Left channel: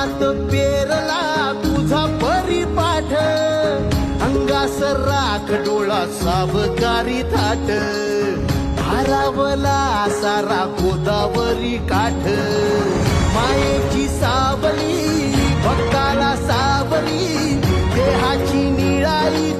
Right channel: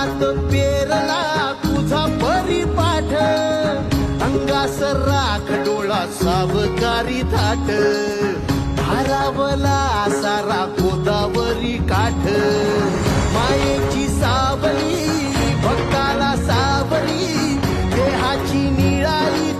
हातात पेरला तुझा परिपाठ, अंगास राख डोळा सावकारी थाट, भारावला सारा गोदावरी काठ, मायेची सावली भक्ताला सावरी, देहाची निळाई